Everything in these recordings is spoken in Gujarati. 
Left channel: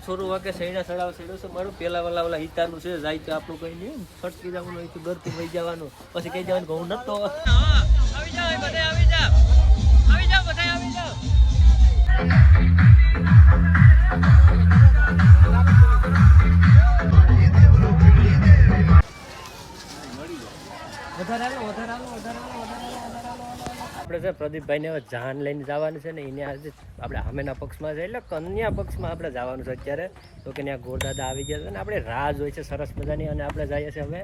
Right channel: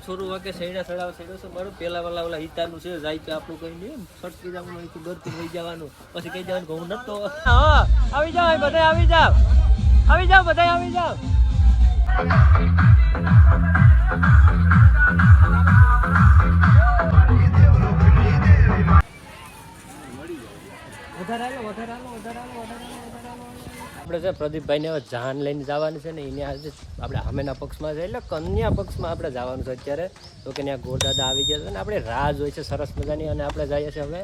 છોરું વાકે સૈડા સડાવ સડ્યો છે મારું પેલા વાલા ઓલા હિતાનું છે જાય કે આપણું કઈ નહીં છટકી જવાનું ઘરથી વહી જવાનું પછી કઈ જવાનું ઘઉં નતો આવી જાવ બધા આવી જાવ બધા આવી જાવ આપણે છે પ્રદીપભાઈ ને હવે જાન લઈને જવાનું છે ને એને આજે આપણે સામેના પક્ષમાં છે એટલે કન્યા પક્ષમાં આપણે જવાનું છે અત્યારે તો કે ત્યાં ગોરદાદા આવી ગયા છે ને આપણે રાહ જોઈ છે સરસ મજાની અને આપણે જઈએ છીએ હવે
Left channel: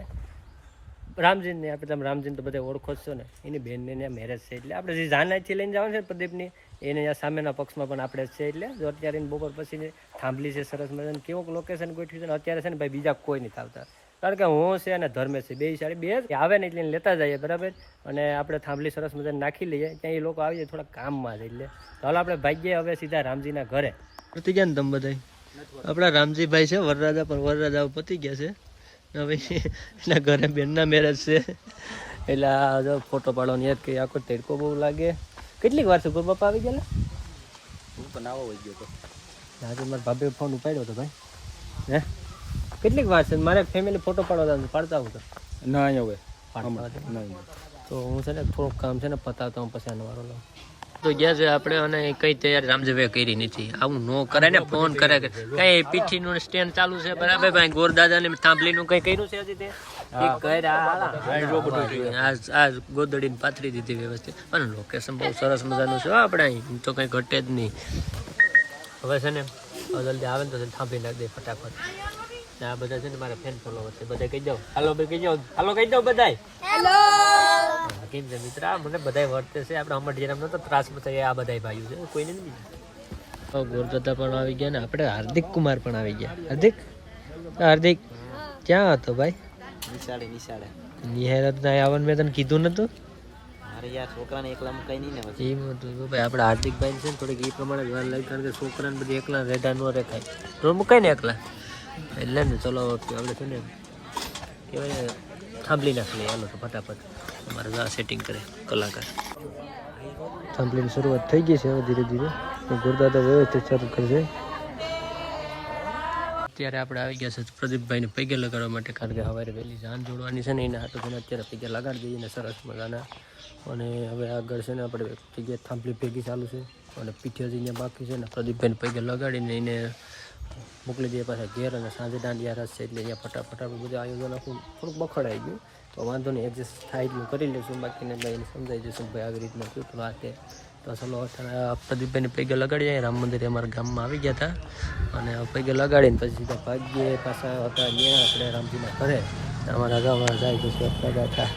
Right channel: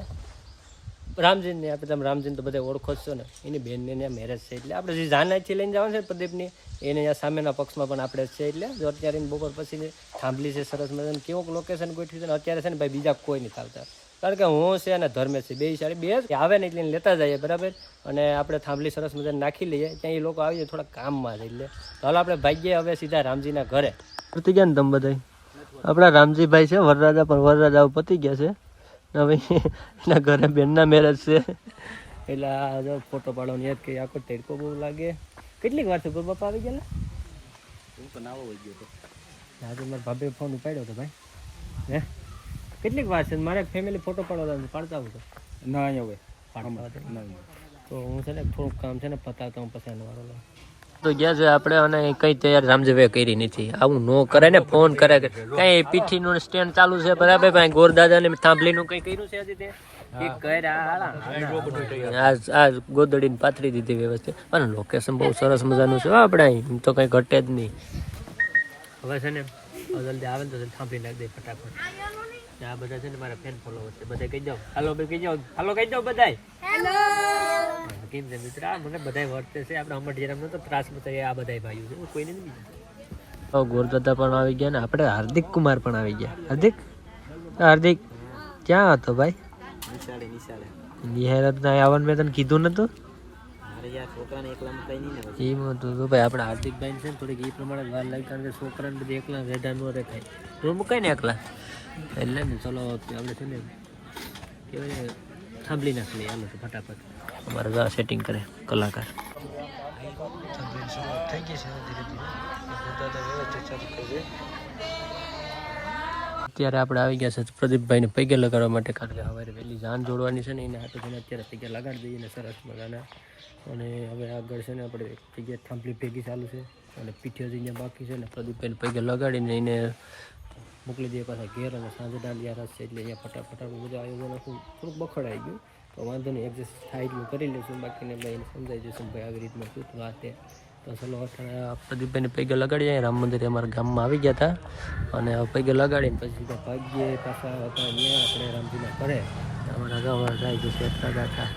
રામજીને આપણે તમે રામજીને તો બધા ઓળખો જ છો ને એની બહેનને ત્યાં મેરેજ છે એટલે આપણે જે જાન અહીંથી લઈને જવાનું છે પ્રદીપની એને ત્યાં સામેના પક્ષમાં પણ આપણે છે એટલે જો અત્યારે બપોર પછી થાંભલી છે સરસ મજાની કેવું લોકેશન ગોઠવી છે ને અત્યારે છે ને ભાઈ બીજા કોઈ નથી આવતા કારણ કે હું છે અને ધર્મેશ છે બે સાડી બે આવે ને એટલે લેતા જઈએ બરાબર અને આપણે થાંભલી સરસ મજાને નાખી લઈએ ત્યાં એ લોકો આવી જાય થોડા કામમાં છે એટલે ચાલો આપણે ભાગીએ હવે સીધા રામજીના ઘરે પતી ગયા ને તમે બધા આપણા રામજીભાઈ છે વરરાજા પણ વરરાજા પતી ગયા છે હવે એના ઘરે બેનના મેરેજ છે એટલે જો ફોટો પાડવાની યાદ કરી આખો ટેડકો બહુ લાગે કેટલીક વાર છે બાપા આવી ગયા આજે મારા ભાભી ફોન ઉપાડ્યો હતો ભાઈ હે કેટલીક વાર છે મારે ફેમિલી ફોટો પાડવા પાડતા હું તો ના હવે તો હું છે ને થોડુંક કામ છે ને પતાવતો હું પછી આનો વારો લઉં તો ગયા છે આપણે અને કઈ તૈયારી રામજીભાઈ કરી નથી આવું નો કરે ને ફોન કરે કઈ પીઠીનું સ્ટેન્ડ ચાલુ છે બરાબર ભાઈ ગોરદાદા ને થાંભલીનું કઈ કર્યું છે હજી તે ગોદડીને પાથરી દીધી વ્યવસ્થિત પણ લોકેશન બહુ સરસ મજાનું છે આપણે અહીં તો કઈ ઘટે જ નહીં હવે છે ને જલ્દી આવે ને તો થાંભલી નાખી દે ફટાફટ આ બધા છે ને મારા ફેન ફોલોવર છે બધા કહી જાઓ હાલો ભાઈ કહી જાઓ હાલો કહી જાઓ બધા કેમ છે મિત્ર મને બધા વર્તે છે આપણે અમરજીરામ નતો ત્રાસ બતાવીએ આ બધા ભાઈઓ છે કોઈને નહીં બીજા ગોરદાદા પણ આવી ગયા ને આપણે હાર્દિક કુમાર પણ આવી ગયા હાર્દિક ક્યાં હતો ભાઈ નિહારત ના આવવાનું મેં તને કીધું નતું છોકરાને એકલા મુકાઈ નહીં ને એમ હતું ભાઈ આપણે હાર્દિકભાઈ છે ને થોડીક એ પ્રમાણે વાર લાગે કારણ કે છોકરાને બધી એકલા રેડા ન રેખાય તો મુકાય ને એકલા એટલે ને ચલો આપણે છે ને કહેવાય થાંભલી નાખી લઈએ હાલો તો ફટાફટ અમારે જો સેટિંગ કરે કલાકાર થાંભલીની શરૂઆત થઈ ગઈ છે હવે ધીરે ધીરે ગોરદાદા વ્યવસ્થિત શરૂ કરશે અત્યારે આપણે આવી ગયા છે પ્રદીપભાઈને પૈગે લગાડવા માટે કારણ કે સવારે વહેલી જાન જોડવાની છે ને એને હાથો છે ને અત્યારે પૈગે લગાડી દઈએ ને સરસ મજાના અને હવે આગળ છે ને આપણે પૈગે થાંભલી ભેગી ચાલુ છે અને પીઠે જઈને બાકી છે ને પ્રદીપભાઈને પૈગે લગાડીને એને મોકલી દઈએ પાછા ઘેર અને સાંજે દાંડિયા રસ છે એટલે અહીંયા ફટાફટ આપણે બધું આયોજન આખું થોડુંક બખડાઈ ગયું તો વાંધો નહીં એડજસ્ટ થાય એટલું કરી લઈશું બાકીને ભાઈ એને સમજાવી દઈશું ભાઈ આવી રીતના શું વાત છે તો ચલો પ્રદીપભાઈને પૈગે લગાડીએ રામ મંદિરે અમારા ગામમાં આવી ગયા હતા અને પૈગે લગાડીને પછી સીધા ભાગ્યે પાછા હતા ત્યાં આપણે રામજીના ઘરે અમારા ગામમાં જાય તો આપણા કાકા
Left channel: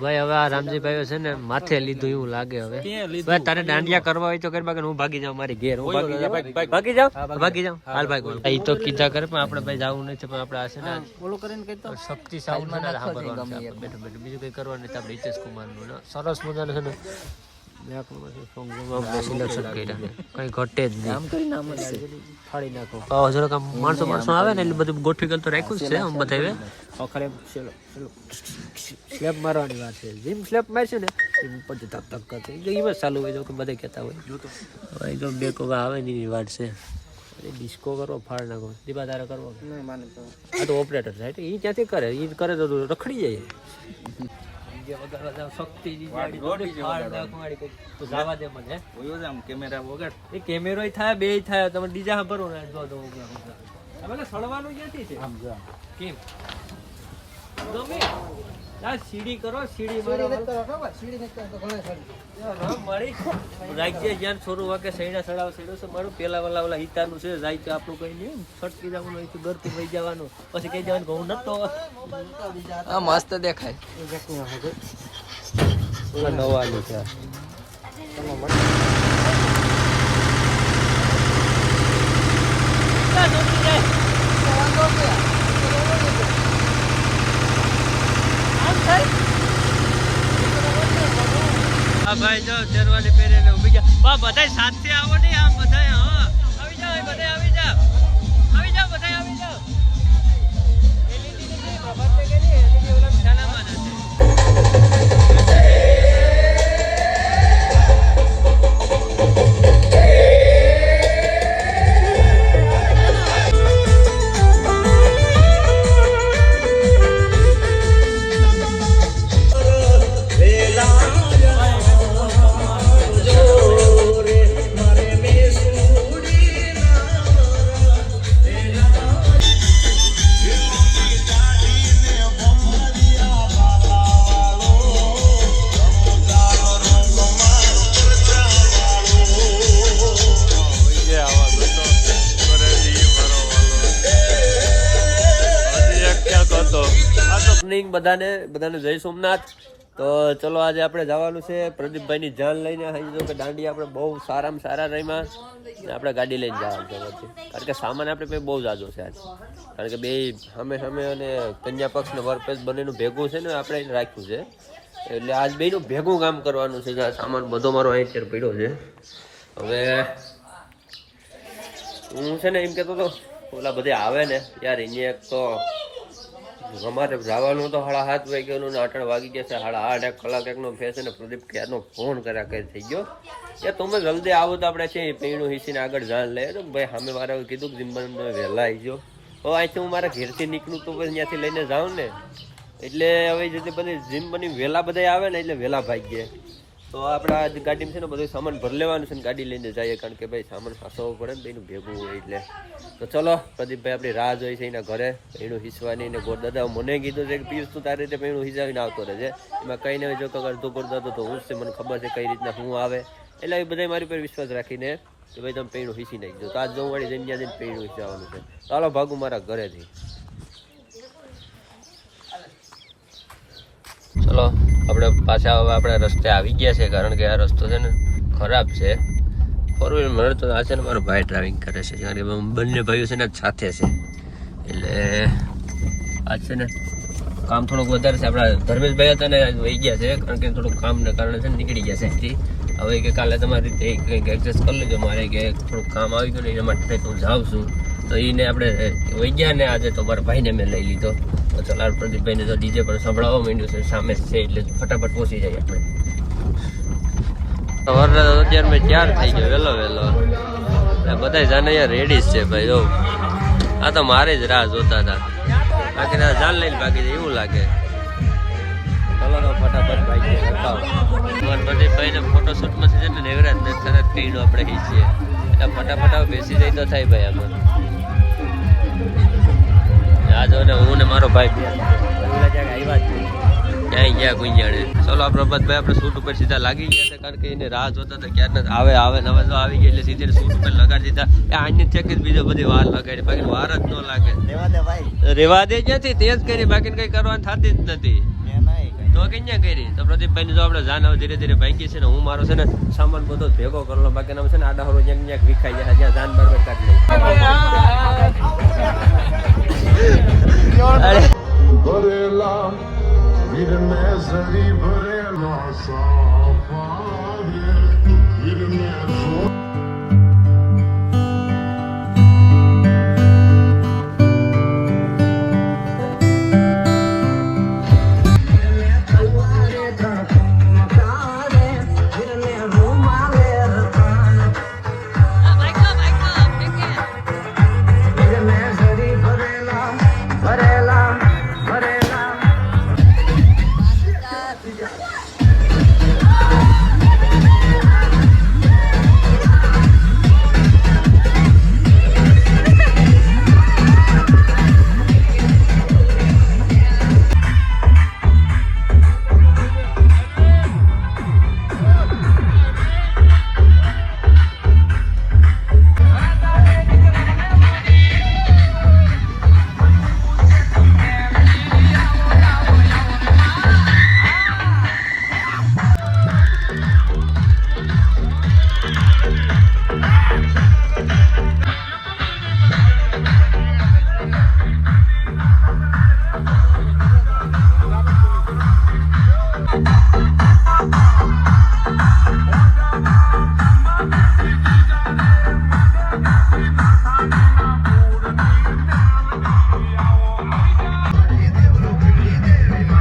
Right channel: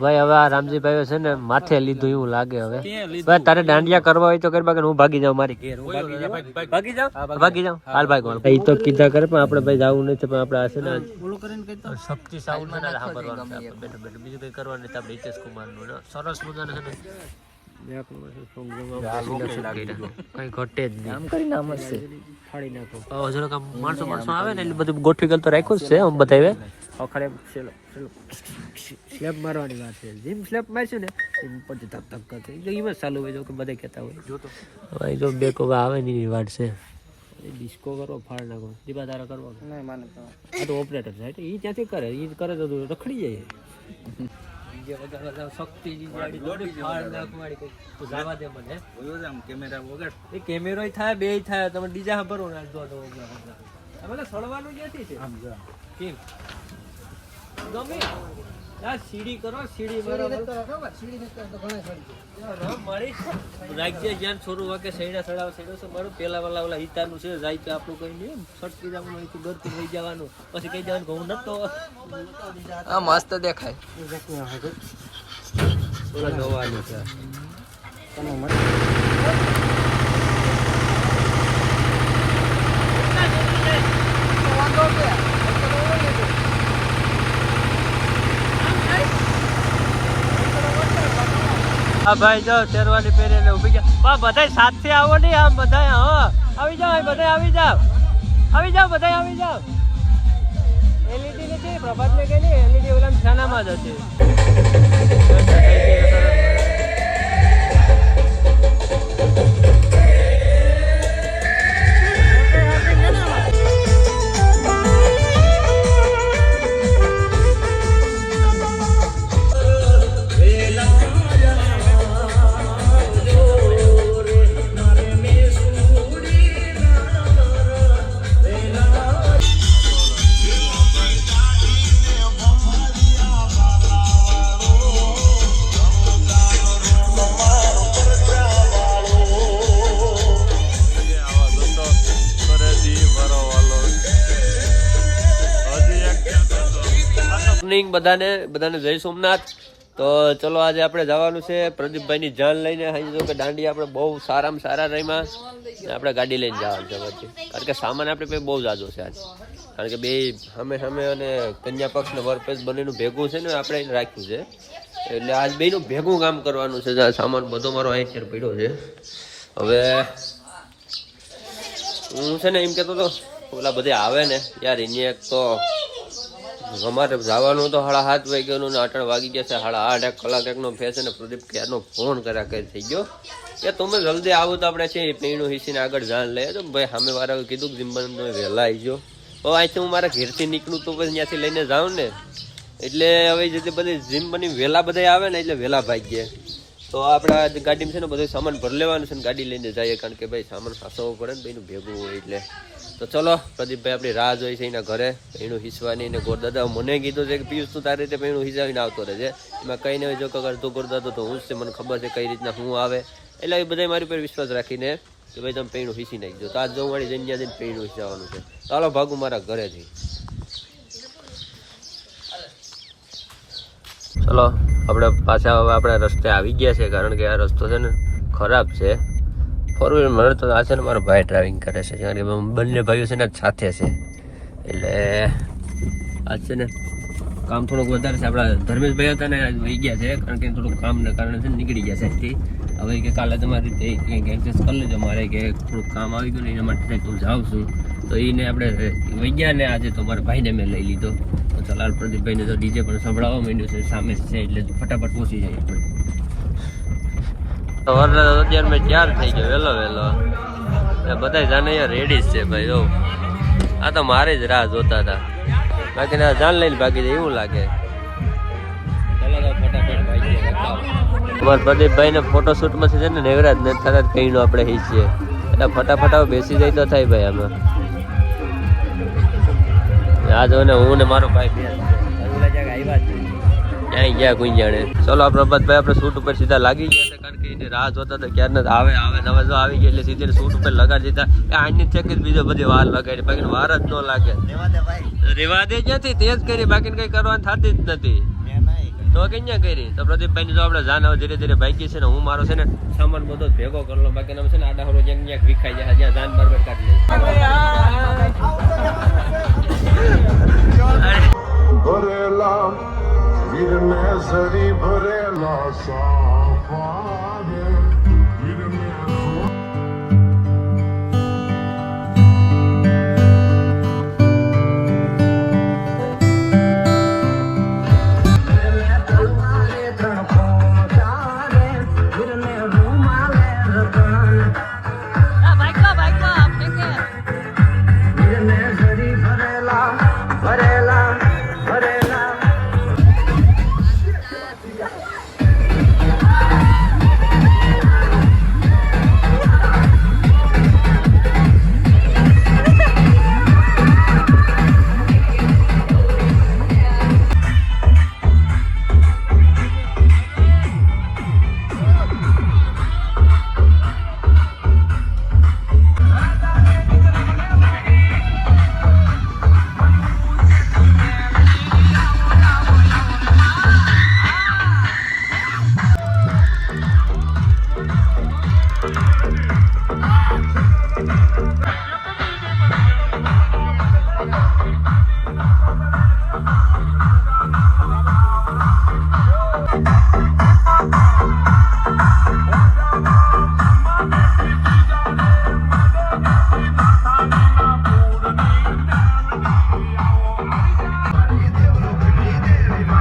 ભાઈ હવે આ રામજીભાઈઓ છે ને માથે લીધું એવું લાગે હવે ભાઈ તારે દાંડિયા કરવા હોય તો કરી બાકી હું ભાગી જાઉં મારી ઘેર હું ભાગી જાઉં હાલ ભાઈ કોણ એ તો કીધા કરે પણ આપણે ભાઈ જવું નથી પણ આપણે છે ને શક્તિ સાઉન્ડ છે ને સાંભળવાનું છે આપણે બેઠો બેઠો બીજું કઈ કરવાનું નથી આપણે હિતેશ કુમારનું સરસ મજાનું છે ને કઈ ઘટે જ નહીં ફાડી નાખો માણસો આવે ને એટલે બધું ગોઠવી ગયેલ તો રાખ્યું જ છે આમ બધા આખરે સ્લેબ મારવાની વાત છે જેમ સ્લેબ મારશું ને એમ પછી ધક ધક કરશે એમ જ ચાલુ હોય જો કે બધા કહેતા હોય તો બે કોવા આવે ને એની વાત છે ડિસ્કો કરો ફાડ નાખો દીપા તારા કરવો નહીં માને તો આ તો ઓપરેટર છે એટલે એ ત્યાંથી કરે એ કરે તો રખડી જાય કેમેરો થાય બે થાય તમે ડીજા ભરો ને સળવાનું ક્યાંથી છે કેમ ગમે સીડી કરો સીડી રાજ્ય જ્યાં છોરું વાકે સૈડા સડાવ સડ્યો છે મારું પેલા વાલા ઓલા હિતાનું છે જાય કે આપણું કઈ નહીં છટકી જવાનું ઘરથી વહી જવાનું પછી કઈ જવાનું ઘઉં નતો મસ્ત દેખાય નવાનું છે ભાઈ જો શેરવાની પહેરીને ઉભી ગયા બધા સાથે આવો નહીં આમ બધા હા આવી જાવ બધા આવી જાવ બધા આવી જાવ ખાનામાં જ હતી સરસ મોર્નિંગ બધાને જય સોમનાથ. તો ચલો આજે આપણે જવાનું છે પ્રદીપભાઈની જાન લઈને. અહીં જો કે દાંડી આપણે બહુ સારામાં સારા રહીમાં આપણે ગાડી લઈને જવાનું છે વચ્ચે, કારણ કે સામાન આપણે પાસે બહુ જાજો છે આજ, કારણ કે બે સામે અને કન્યા પક્ષ ને વર પક્ષ બંનેનું ભેગું છે ને આપણે એને રાખ્યું છે, એટલે આજ બેનું ભેગું કામ કરવાનું છે. સામાન બધો મારો અહીં પડ્યો છે. હવે હું છે ને એમ કહેતો હતો ઓલા બધે આવે ને યાર, એને એક તો અમારે જવાનું તો 7:30 વાગ્યાનું ને 8 વાગી ગયા છે. 8:30 1 કલાક એકનો ફેસ ને પ્રદીપ ક્યારનો ફોન કર્યા કઈ થઈ ગયો કે તમે જલ્દી આવો તો આપણે છે પૈણું હિસીને આગળ જાણ લઈએ. તો ભાઈ સામે વાળા કીધું કે જીમ્બન વહેલા આવી ગયો. તો અહીંથી હું મારા ઘેરથી નીકળું તો પછી ત્યાંથી લઈને જાઉં ને, એટલે હવે જેથી બધી જીમ્બની વહેલા બધા આવે ને એટલે વહેલા ભાગીએ. તો આપણા ગાડીમાં છે ને બધું સામાન ભરી લેવાનું છે ને ગાડી લઈને જઈએ, કારણ કે ભાઈ સામાન સાચવવો પડે ને ભાઈનું ભેગું હોય એટલે. તો ચલો પ્રદીપભાઈ આપણી રાહ જોઈ છે એના ઘરે પૈણું હિસવાની. ને ગોરદાદા મને કીધું છે કે પિયુષ તું તારી રીતે પૈણું હિસાવીને આવતો રહેજે, એમાં કંઈ નહીં જો અડધો ગોરદાદો તો હું જ છે, મને ખબર છે કઈ રીતના હું આવે, એટલે એ બધા મારી પર વિશ્વાસ રાખીને કે ભાઈ તમે પૈણું હિસી નાખજો. તો આજ જવું વાળી જઈને જઈને પૈણું હિસાવાનું છે. ચાલો ભાગું મારા ઘરેથી. ચલો આપણે પાછા હવે આપણે રસ્તે આવી ગયા છે, કારણ કે આ રસ્તો છે ને ખરાબ છે. 4 વ્હીલર મને તો આ છે ને મારો ભાઈ ડ્રાઇવિંગ કરે છે, કારણ કે બંને ભાઈઓ છે ને સાથે છે, એટલે આજ છે ને કામ થોડુંક વધારે છે. આપણા ધર્મેશભાઈ હતા ને આજ વહી ગયા છે, કારણ કે થોડુંક કામના કારણે છે ને નીકળી ગયા છે અહીંથી. હવે કે કાલે તમારી રીતે કંઈક એડજસ્ટ કરી લેજો, મારે કે થોડુંક કામ આવી ગયું ને એના માટે હું જાઉં છું. તો એને આપણે વહી ગયા ને આજે તો મારા ભાઈને મેં લઈ લીધો. તો ચલાર પ્રદીપભાઈને તો ડીજે પણ સંભળાવવા માંડ્યું છે, સામે છે એટલે ફટાફટ પહોંચી જાય આપણે. અત્યારે મેં 4 થઈ ગયો વહેલો બધા જાને યાર રેડી છે ભાઈ. જો આ તો મારે જ રાહ જોતા હતા, બાકી જાન લઈને ભાગી જાય એવું લાગે. ચલો તો ફટાફટ ભાગીએ. અમારા પ્રદીપભાઈ ને ફોટોશૂટમાં છે ને નેવરાજ ને થતા કહીને આપણે હીચીએ, ફટાફટ બેસી જાય તો થાય ભાઈ. આમાં આ જો ને હું ને મારો ભાઈ બે ઓલા ક્યાંક આવ્યા જ ક્યાંય ગયા કોઈ જાણે. ચલો આ પ્રભાતભાઈ આપણે શૂટ ઉપર સીધા લાગી ગયા છે, કારણ કે એને રાહ જોતા હતા ક્યારે આવે ને હવે જો આવી ગયા એટલે સીધે શૂટ ઉપર લગાડી દીધા. આની ચેક બીજો બધી વાર લગાડી, બાકી વાર જ ન લાગે. રેવા દે ક્યાંથી તેજ કરી, બાકી કઈ કરવાની થતી જ નથી. તો ક્યાં કરી. તો પ્રદીપભાઈ ની જો આપણે જાન હવે ધીરે ધીરે ભાગી છે ને હું મારો છે ને સામાન બધો ભેગો કરલો, બાકી છે ને આડા હરો જ્યાં વિખાઈ જાય જ્યાં જાન બરબર કાઢી લઈ.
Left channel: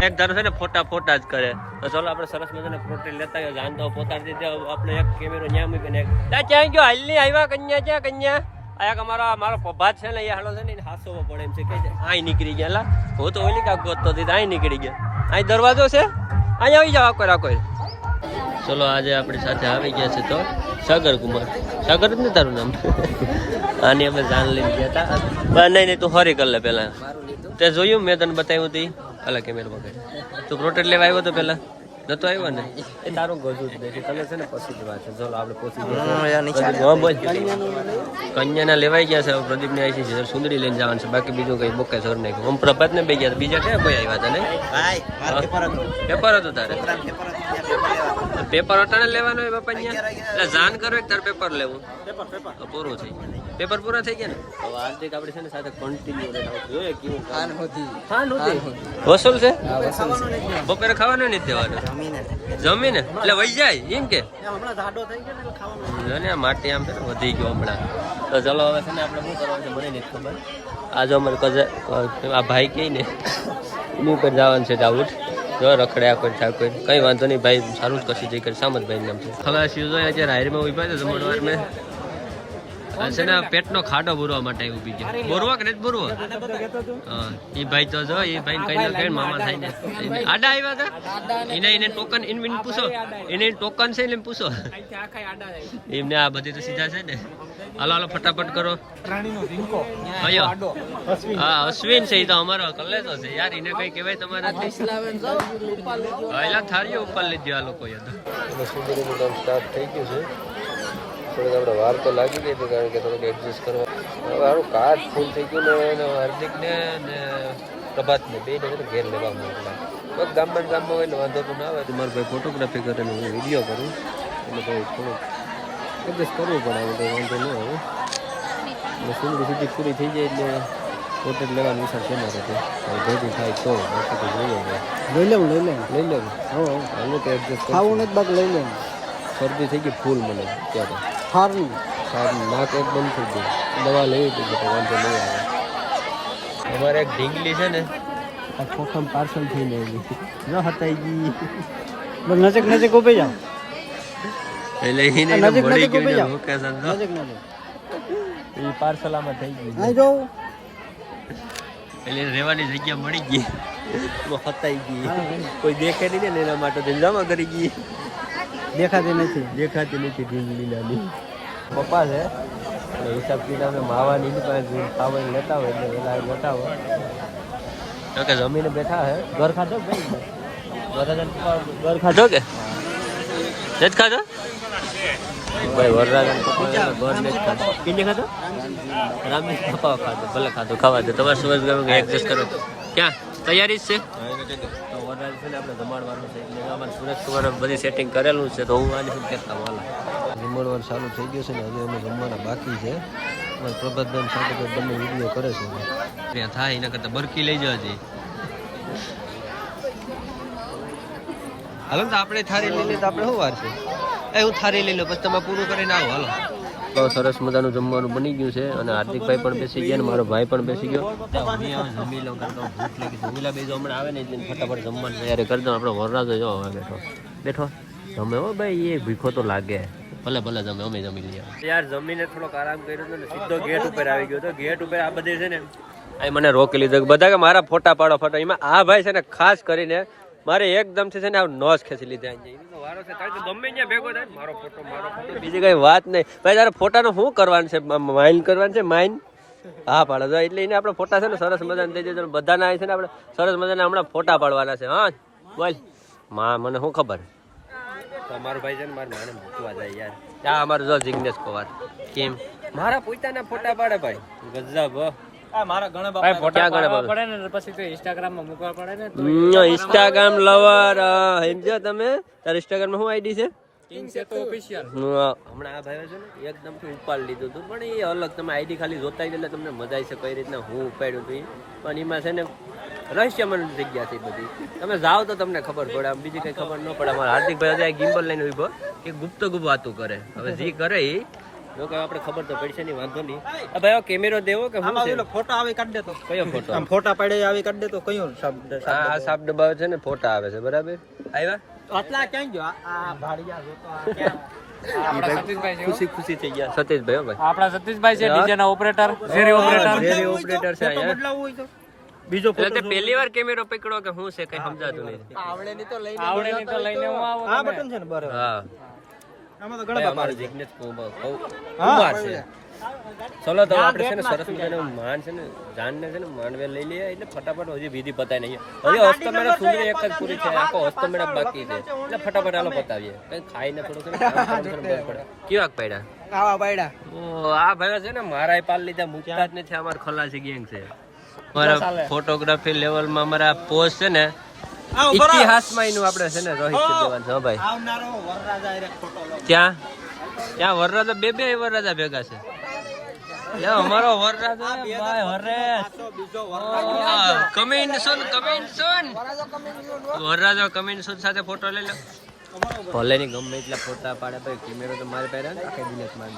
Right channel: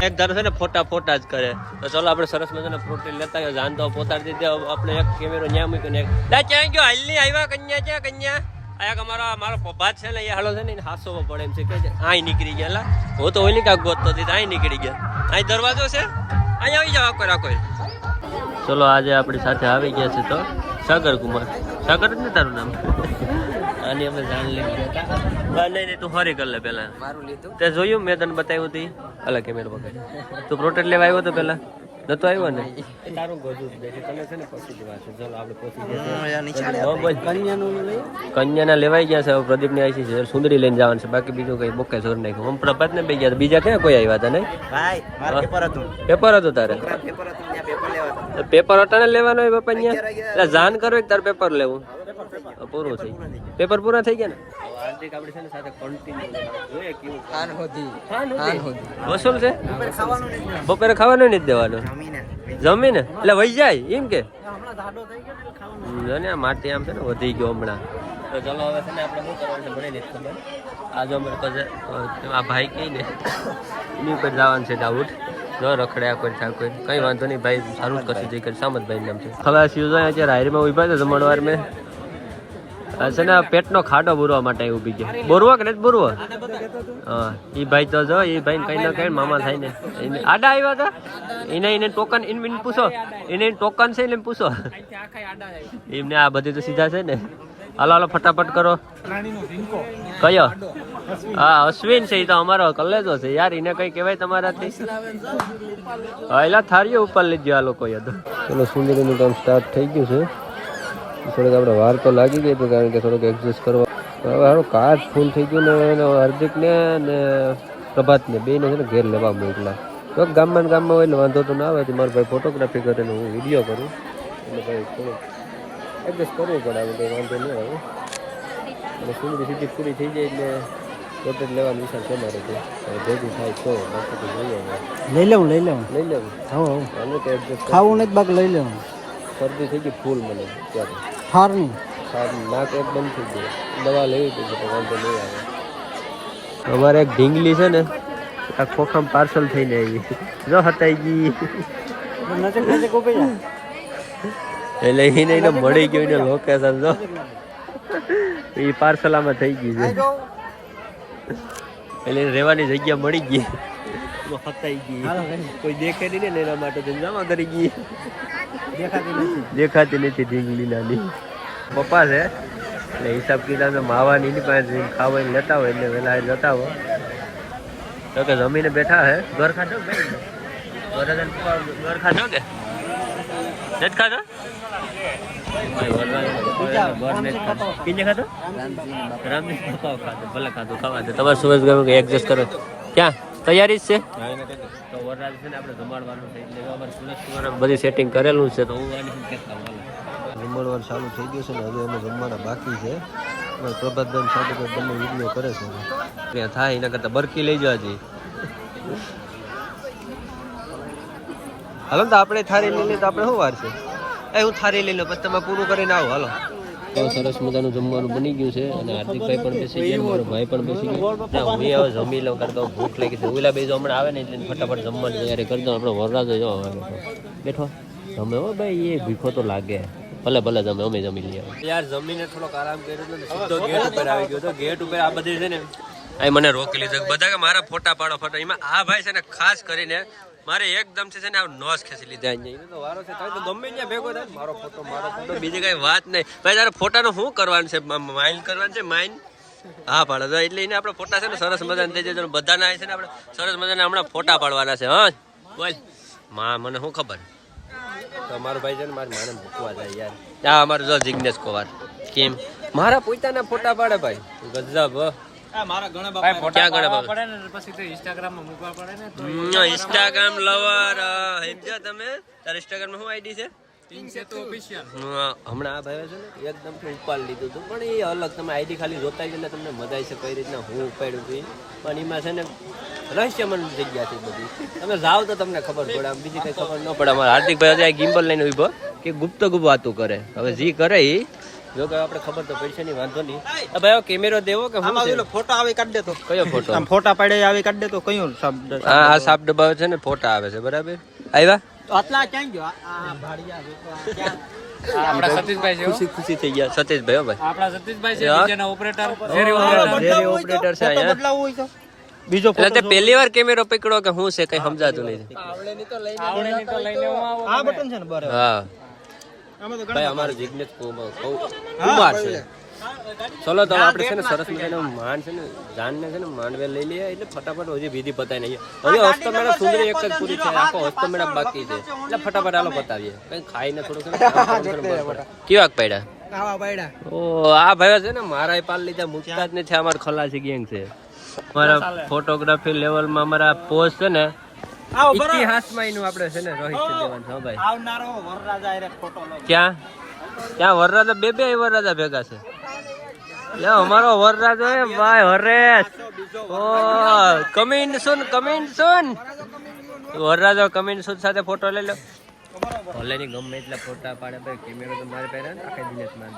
એક ધારો છે ને ફોટા જ કરે. તો ચલો આપણે સરસ મજાના પ્રોટીન લેતા જાન તો પોતાડી દીધા. આપણે એક કેમેરો ન્યા મૂકીને ક્યાં ગયો હાલ નહીં આવ્યા કન્યા ક્યાં કન્યા આયા. મારો પભાત છે ને એ હાલો છે ને હાસો પડે એમ છે કે અહીં નીકળી ગયા. હું તો ઓઈલી કાંક ગોતતો હતી અહીં નીકળી ગયા. અહીં દરવાજો છે, અહીં આવી જાવ આખો. ચલો આજે આપણી સાથે આવી ગયા છે તો સાગર કુમાર. સાગર જ ને તારું નામ? આની અમે જાન લઈને ગયા હતા. નહીં તું હરી કર લે પેલા. તે જોયું મેં તને બતાવ્યું હતું અલગ કેમેરા વગર. તું પ્રોટેક્ટ લેવા આવ્યો તો પેલા નતો આવ્યો ને એ તારું ગજું જ નથી તને છે ને પછી જ વાંચો ચાલો આપણે પહોંચી ગયા હા બોલ કન્યાના લેવાઈ ગયા છે હવે પ્રદીપને આવી છે સુંદરી લઈને જવાનું છે બાકી બીજું કઈ બોકે સર નાખ્યું આમ પ્રભાતને બે ગયા બીજા ક્યાં કોઈ આવ્યા હતા નહીં પેપર હતું તારે પેપર અટાણે લેવાનું હોય બાપા અહીંયા એટલે જાણ કરો તારે પેપર લેવું પૂરું થઈ પેપર પૂરા થઈ ગયા ને હવે હાર્દિક આપણે છે ને સાથે કન્ટિન્યુ જોઈએ કેવું હા નહોતી વસૂલ છે બપોરે ખાવાનું નથી દેવાનું જમીને એટલે વહી જાય એમ કે ને માટી આમ છે ને વધી ગયો હમણાં તો ચલો હવે છે ને આપણે શું કરવાનું છે મને નથી ખબર આજે અમારે આ ભાઈ કહી ને એની ઉપર જવાનું છે દાઉદ જો રખડ્યા કોઈ થા કોઈ કઈ વાંધો નહીં ભાઈ સારું જ કરશે જે કરી સામતભાઈ નામ છે હવે શિવજો અત્યારે હાયરમાં ઉભા છે જમણવાર મેં છે ને પેટનો ખાડો બોરવા માટે ઉભી ગયા બોરવા કે નથી બોરવા હા એ ભાઈ તો જો એ ભાઈ કઈ ના કઈ મામા થાય ને આડા આવ્યા હતા એને ટોકન એને પૂછો એને ટોકન છે એટલે પૂછો એમને આ બધી તો સીધા છે ને હાલો હાલો ફટાફટ કરો કયો હા અશ્વિન છે એ તો અમારો કલેજો છે યાર એને કઈ કહેવાય તમારાથી હા એલા થારીઓ ઉપર લીધો આ લોકો યાદ ચલો સુંદરીનું કામ સ્ટાર્ટ થઈ ગયું છે થોડીક આપણે વાર તો લાગી ગઈ હતી કારણ કે થોડુંક એડજસ્ટ કરવા હવે હારું કાર્ડ ફૂલ થઈ ગયું ને હાર્દિકને અને પ્રભાતને બેને છે ને ઘેર લેવા મોકલા તો ગામમાં હોય ને વાંધો તો ના આવે કે મારો ભાઈ ફોટોગ્રાફી કરે ને હું વિડીયો કરું એટલે ભાઈ થોડુંક એડજસ્ટ કરવું પડે આવે કંઈ વાંધો ન આવે એટલે સુંદરી સીધી પૂરી થઈ જાય એટલે ફોટો લેવાનો વિચાર છે મારે તો હવે ભેગી થાય તો બાકી તો જોઈએ લઈ લેવું હાલો તો એડજસ્ટ ખાવું નથી બાકી લઈ લેવું શરદી થઈ ગઈ ફૂલ મને અત્યારે નાક એક બંધ થઈ ગયું દવા લેવી હતી તો વાંધો નહીં આવે અમારે એક ઢીંગલી છે ને આ ખોખામ પાર્સલ થઈને આવી જો હટાઈ ગઈ નજીક ઉભી જા એટલે એને મળી ગયું ને લોકેશન જો એ પાર્સલ આમાં થઈ ગઈ છે એટલે રહેવાની જગ્યા મળી ગઈ હટાઈ ગઈ કોઈ દેખે નહીં ને એના માટે જમા કરી ગઈ દેખાતી નથી ઢીંગલી નાની પપ્પા છે એટલે હિસાબ કિતાબ માવાની પાસે ખાવાની લેતા હોય એટલે વહેલા જતા હોય તો કે જમીને બેઠા હે ઘર ખાધો ભાઈ ઘર ખાધો કે નથી ખાધો વરરાજન પપ્પા ઘર નથી ખાધો કિને ખાધો રામજી પપ્પા ખાધો ભલે ખાધું ખાવા દે તમારે સુરજ ગયું એડજસ્ટ કરો ક્યાં તૈયારી જ છે તો વરરાજ છે ને આપણે જમાડવાનું છે એટલે અમારે સુરત કુમાર બધી સેટિંગ કરેલું છે તો હું આની કહેતા હાલો જમણવાર ચાલુ થઈ ગયું છે ને હજુ અમે જમવાના બાકી છે અમારે પ્રભાતભાઈ સાથે બંને વિડીયો કરે છે ત્યાં થાય એના કરતાં બરકી લઈ જવા જઈએ હાલો ને તો આપણે થારી લઈ લઈએ તો આપણે શું વાર છે હું થારી લઈ લો પછી તમે પૂરું કરીને આવો હાલો તો સરસ મજાનું જમવાનું બની ગયું છે અને હાર્દિકભાઈ પણ બેસી ગયા મારો ભાઈ પણ બેસી ગયો ને હું હવે જમી લઉં કારણ કે ભૂખ લાગી છે ઓલા બે હમણાં આવે ને ફટાફટ જમવાની તૈયારી કરી દઉં આપણે વરરાજો જો બેઠો જમે હો ભાઈ એ ભૂખો તો લાગે ભલે જમે અમે જમી લઈએ યાર જમીને થોડોક આરામ કર્યો હતો ને સીધો ગેટ ઉપર આવી ગયો હતો ગેટ ઉપર આ બધી છે ને એ મને રોકી લીધો બધા કે મારા ફોટા પાડો એમાં આ ભાઈ છે ને ખાસ કરીને મારે એકદમ છે ને નોસ ખેંચી લીધા અહીંયા તો વારો છે કારણ કે ગમે ત્યાં ભેગો થાય મારો ફોટો બીજી કઈ વાત નહીં ભાઈ તારે ફોટાનું શું કરવાનું છે માઇલ કરવાનું છે માઇન હા પાડો એટલે એને આપણે ફોટા છે ને સરસ મજાના થઈ જાય બધાના છે ને આપણે સરસ મજાના હમણાં ફોટા પાડવાના છે હા બોલ મને શું ખબર તો અમારો ભાઈ છે ને મારે માને મૂકવા જાય યાર હા અમારો જો જિગ્નેશ કુમાર કેમ મારા પોતાના ફોટા પાડે ભાઈ ગજબ ઇન્સ્ટાગ્રામ લવર તમે તાર ઇન્સ્ટાગ્રામ શું આઈડી છે હમણાં આ ભાઈ છે ને એકદમ ઉપાડ લીધું હતું પણ એ અલગ તમે આઈડી ખાલી જોતા જ એટલે તમને મજા આવશે કઈ રીતના હું ઉપાડ્યું હતું પણ એમાં છે ને રહસ્યમય જગ્યા છે બધી તમે જાઓ તો તમને ખબર પડે આમ બીજી કઈ ખબર ન પડે અમારા હાર્દિકભાઈ હજી ગિમ્બલ લઈને ઉભો કે ગુપ્ત વાતું કરે હવે જે કરે એ જો કે આપણે ખબર તો પડશે નહીં વાંધો નહીં ભાઈ કેમેરો દેવો કે હું ફોટો આવે કાઢ દેતો કયો ફોટો આમ ફોટા પાડે આવે કાઢ દેતો કયું શબ્દ આ સાપ ડબ્બા છે ને ફોટા આવે છે બરાબર આવ્યા આટલા ક્યાં ગયો આ ભાડિયા ખુશી થઈ ગયા સતીશભાઈ ભાઈ આપણા સતીશભાઈ છે બીજાના ઓપરેટર રેરી ઓપરેટર છે અહીંયા બીજો એટલે પહેલી વાર કેમેરો પકડો કે હું છે કઈ સમજાતું નહીં આવડેની તો લઈને આ બટન છે ને બરાબર હા અમારો જિગ્નેશ કુમાર છે ચલો તો આપણે છે ને સરસ મજાનો માન છે ને જાનને છે ને માંડવે લઈ લઈએ એટલે ફટાફટ હજી વિધિ પતાય નહીં હજી હસ્તમેળા સુંદરી એક જ પૂરી છે આખો હસ્તમેળા બાકી છે એટલે ફટાફટ હાલો પતાવીએ કઈ ખાઈને થોડુંક છે ને કામ કરવાનું બર પડે કેવાક પડ્યા ઓ આ ભાઈ છે ને મારા પાલ લીધા મૂકતા જ નથી અમાર ખલાસી ગેંગ છે મારા ફોટોગ્રાફી લેવલમાં અમારા પોસ્ટ છે ને ઇતિહાસમાં એનું આપણે છે ને રોહિત દેવાન છે ભાઈ ક્યાં ત્યાં વરરાજા બે વરરાજા ભેગા છે અમારો વરરાજો હે ભાઈ હરેશ કમિંગ સુન વરરાજો કમિંગ સુન સાથે ફોટો લઈ લો ભલે ની ગમે એટલા ફોટા પાડે ભાઈ કેમેરો તો મારે પહેર્યા ને આખા દિનેશ માર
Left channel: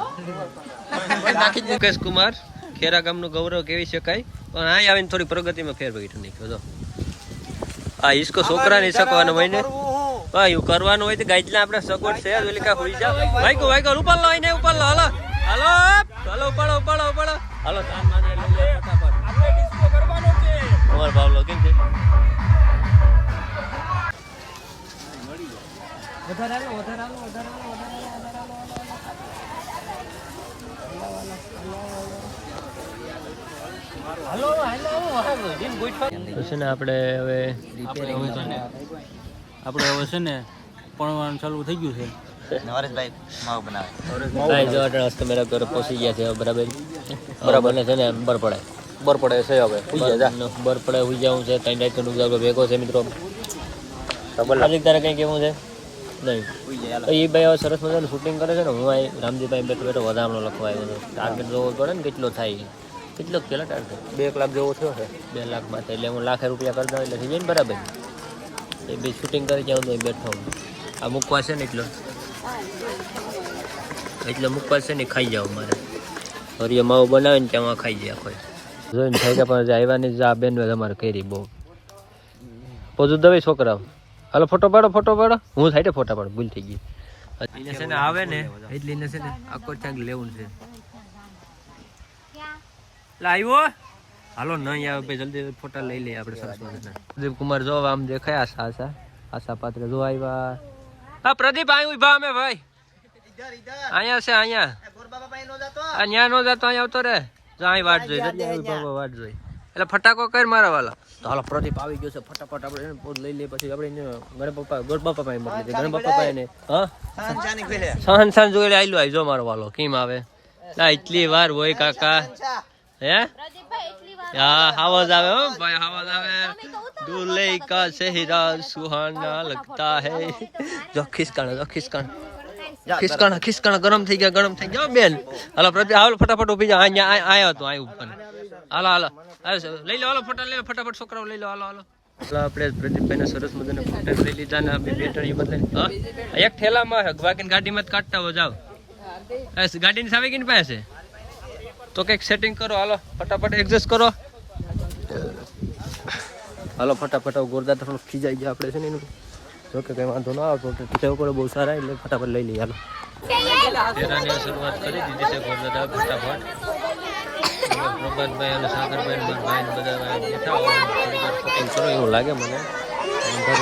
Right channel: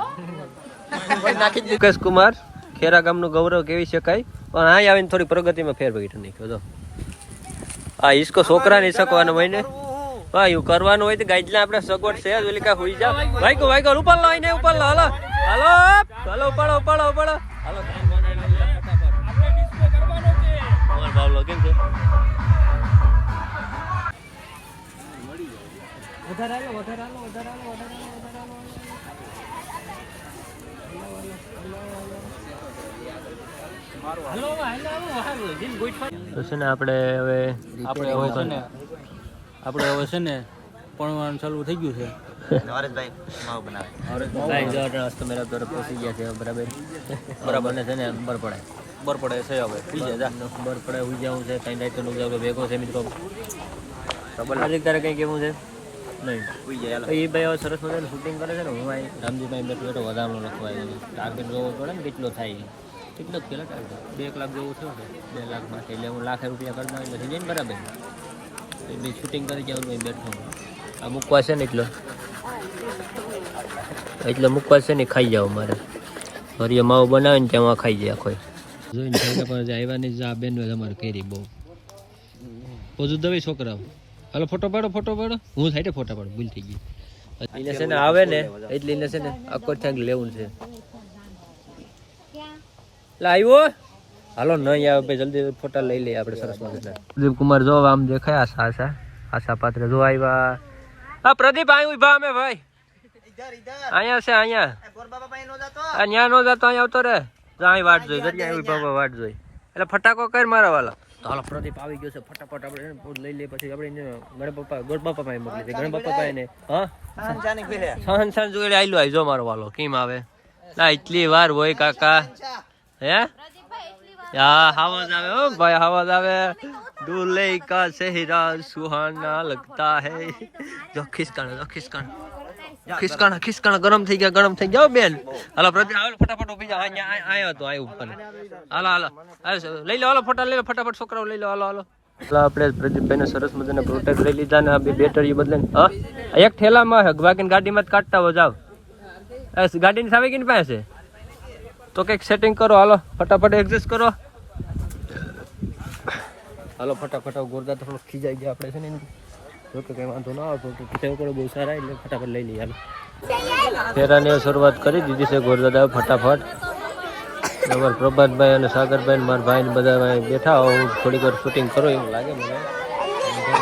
મુકેશ કુમાર ખેરા ગામનું ગૌરવ કેવી શકાય પણ અહીં આવીને થોડી પ્રગતિમાં ફેરફાર નાખ્યો તો આ ઈસકો છોકરા નહીં શકવાનો હોય ને ભાઈ એવું કરવાનું હોય તો ગાઈડલા આપણે સગવડ છે જ ઓલી કા હોઈ જાવ વાઈકો ઉપર લો ને ઉપર લો હાલો ઉપાડો હાલો ધાન માંડી લઈ લે ફટાફટ તમારો ભાવલો કેમ છે વધારે હાલો તો છે ને આપણે હવે છે ને પણ ચાલુ થઈ ગયું છે નરેશભાઈ માવ બનાવે ભાઈ જો હસ્ત મેરા ઘર પહોંચી ગયા છે બરાબર ને છે ને બર પડે છે હવે બર પડે હુઈ જાવું છે ત્રણ રાત નું ભેગો છે મિત્રો હાર્દિક તારે કઈ કેવું છે નહીં એ ભાઈ હવે સરસ મજાનું શૂટિંગ કરે છે ને હું અહીં રામજીભાઈ બેઠો વધામણો લખવા આવ્યો હતો ટાર્ગેટ જોવો પડે ને કેટલો થાય કેટલો પેલા ટાર્ગેટ 2 લાખ જેવો થયો છે 2 લાખ માટે એટલે હું લાખ રૂપિયા કરી દઉં એટલે થઈ જાય ને બરાબર એ બી શૂટિંગ કરી જાઉં તો બેઠો આ મૂકવા છે ને એટલે મૂકવા છે ને ખાઈ જાવ મારે ફરી માવ બનાવે ને ત્યાં ખાઈ જાય આખો જોઈને થઈ ગયા પણ આવ્યા નહીં આ બેન તમારે કરી બહુ પોજું દવે છોકરાઓ હાલો ફોટો પાડો હું થાય ફોટા પાડો ભૂલ થઈ ગઈ એને છે ને આવે ને એટલે એને છે ને આખો ક્યાંક લેવું છે આવ્યો હાલો નહીં આવે ભાઈ જલ્દી ફોટા લઈ લઈએ આપણે સરસ મજાના પ્રદીપ કુમાર જો આમ દેખાય આશા પાત્ર જો આવ્યા હા પ્રદીપ આવ્યું ઉભા અમે ભાઈ અહીંયા છે અહીંયા નો જતો અહીંયા આવતો રે અહીં વાટ જોઈ દરિયા ઉભા વાટ જોઈ એટલે ફટાકો કર મારા વાલા તો હાલો પ્રદીપ આવી ગયો છે ફટાફટ આપણે લઈ લઈએ પછી આપણે ગોડ બાપા પાસે મોકલી દે ગણ બાપા પાસે ને હા સહન જોઈ આયલું આવી જો મારો વાલો કેમ આવે એટલી વાર હોય કાકા હે હા આવાજ આવે હો ભાઈ આવાજ આવે दूल्हे का सेहरा सुहाना लगता है जो खिसकाना गरम થઈ ગયા બેન હાલો પ્રતિ હાલો ફટાફટ ઉભી જા આયો તો આયો ઉપર હાલો લઈ લો હાલો ફોટા લઈ લો ફટાફટ છોકરાઓ લઈ લો હાલો આપણે પ્રદીપભાઈને સરસ મજાના પ્રોટેક્ટ લઈ લીધા ને બે બેટરી બદલાને હા એક થેલામાં બાકી ગાડીમાં જ કાઢતા હો જાવ ગાડીની સામે કેની પાસે તો કંઈક સેટિંગ કરો હાલો ફટાફટ એડજસ્ટ કરો હાલો ફટાફટ ગોરદા તો થોડું ખીજાઈ ગયા આપણે છે ને જો કે કંઈ વાંધો ના આવતો તેઓ પણ બહુ સારા એટલે ફટાફટ લઈ લઈએ હાલો ફેરાને શરૂઆત કરી દીધી છે ગોરદાદા ફટાફટ અમારા પ્રભાતભાઈ અને સાગરભાઈ મારા ભાઈ ને બધા બેઠા હું થોડીક વાર શૂટિંગ કરો એવું લાગે મને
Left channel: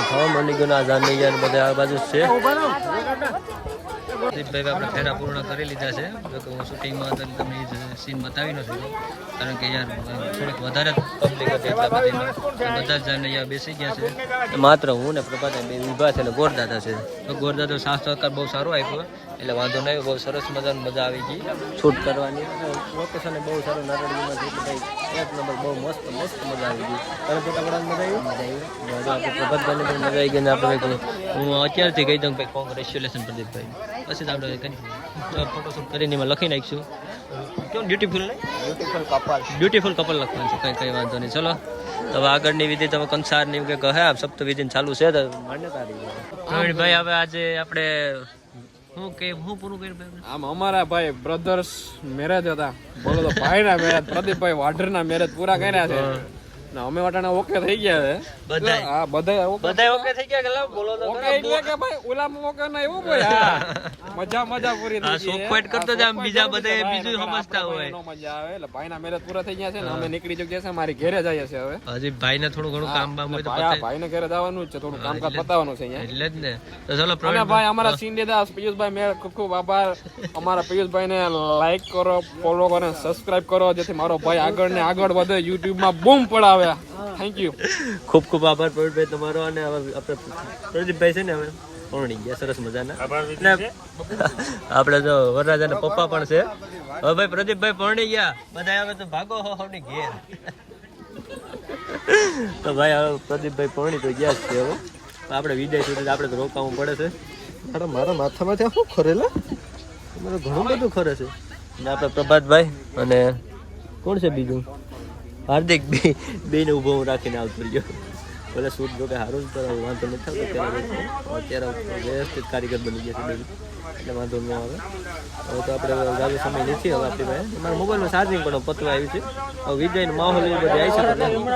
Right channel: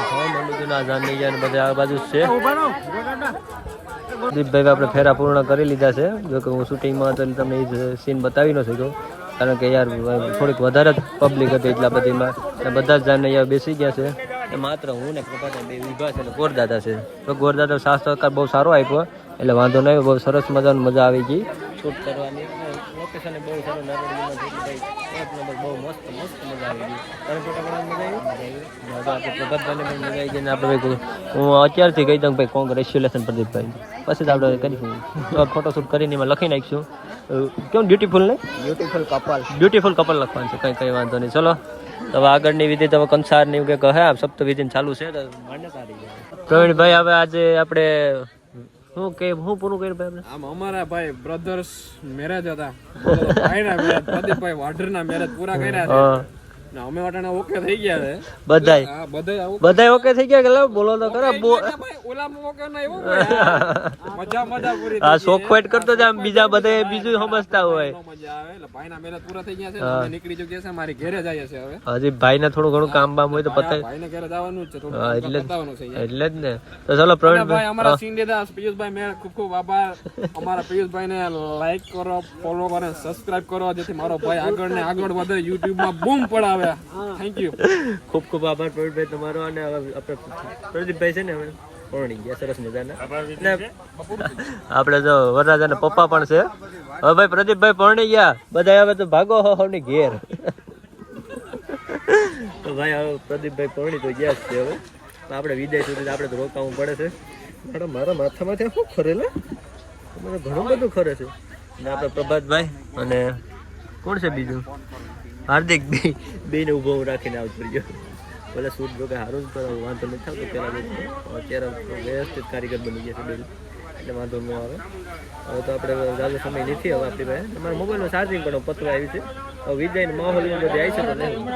થવા મળી ગયું આ જાન નહીં જાય બધા આ બાજુ જ છે દીપભાઈ આપણે ફેરા પૂર્ણ કરી લીધા છે જો કે હું શૂટિંગમાં હતો તમને એ જ સીન બતાવી ન શક્યો કારણ કે યાર થોડીક વધારે જ પબ્લિક હતી એટલા બધીમાં બધા જ જાણને અહીંયા બેસી ગયા છે માત્ર હું ને પ્રભાત બે ઊભા છે ને ગોરદાદા છે તો ગોરદાદા સાથ સહકાર બહુ સારો આપ્યો એટલે વાંધો નહીં બહુ સરસ મજાની મજા આવી ગઈ શૂટ કરવાની અને લોકેશન બહુ સારું નારળીમાં છે એટલે ભાઈ એક નંબર બહુ મસ્ત મજા આવી ગઈ તને ફોટા પાડવાની મજા આવી આપણે પ્રભાતભાઈને પણ મજા આવી ગઈ ને આપણે ભાઈ હું અત્યારથી કહી દઉં ભાઈ કોંગ્રેચ્યુલેશન પ્રદીપભાઈ પછી તો આપણે કરીશું તો ફોટોશૂટ કરીને એમાં લખી નાખીશું કેમ બ્યુટીફુલ ને બ્યુટીફુલ કપલ લખવાનું છે કંઈ વાંધો નહીં ચલો તો હવે આગળની વિધિ તમે કંસારની કે કહે સપ્ત વિધિ ચાલુ છે તો માન્યતા ભાઈ હવે આજે આપણે હું પૂરું કર્યું ભાઈ આમ અમારા ભાઈ બ્રધર્સ મેરેજ હતા બોલો તો ભાઈના મેરેજ પ્રદીપભાઈ વાઢરના મેરેજ પૂરા કર્યા છે ના અમે વાટાણા ઓકે થઈ ગયા છે બધાય હા બધાય બધાય ઓકે થઈ ગયા કે લાવ બોલો તો ખરા ભાઈ ઓલામાં ઓકે ના એવું ભાઈ મજા પૂરી આ સોખવટ કરતો જ આમ બીજા બધા બીજું સમજતા હોય મજા આવે એટલે ભાઈના મેરેજ પૂરા થઈ ગયા છે ને અમે નીકળી જઈએ છે મારી ઘરે જઈએ છે હવે હજી ભાઈને થોડું ઘણું કામ બામ હોય તો પતાય ભાઈને ઘરે જવાનું જ છે થોડું કામ પતાવવાનું છે અહીંયા એટલે જ ને તો ચલો પ્રવીણ ભાઈ અમારા સિંધેદાસ પિયુષભાઈ મેં ખૂબ ખૂબ આભાર અમારા પિયુષભાઈને લાઈક કરો ફોલો કરો સબસ્ક્રાઇબ કરો જેથી મારો ભાઈ આગળ ને આગળ વધે YouTube માં બૂમ પડાવે થેન્ક યુ ખૂબ ખૂબ આભાર પ્રવીણભાઈ તમારો અને આપણે પ્રદીપભાઈ છે ને હવે પરણી ગયા સરસ મજાના ને આપણે જો વરરાજાના પપ્પા પણ છે હવે ભાઈ પ્રદીપભાઈ પરણી ગયા બધા હવે તો ભાગો ની ઘેર તો ભાઈ હવે પ્રદીપભાઈ પરણી તો ગયા જ છે હવે આપણે વિદાય સુધી આપણે તો રોકાવું પડે છે મારા માથામાંથી શું ખરેલા તમારે ઘણું બધું ખરે છે અને આપણે પ્રભાતભાઈ અને કોણ છે બીજું હાર્દિક બે ને ઊભો હું રાખીને આવતો રહ્યો પેલા શૂટ જો કે સારું જ કરાવ વાંધો નથી થતો પેલા અત્યારે વ્યવસ્થિત કારીગર બની ગયા છે બે એટલે વાંધો ન આવે હવે તો આપણે જાજો સમય નથી હવે આપણી પાસે મારા મોબાઈલમાં ચાર્જિંગ પણ પતવા આવ્યું છે હવે વિદાયનો માહોલ એવું બધું આવી છે તો નહીં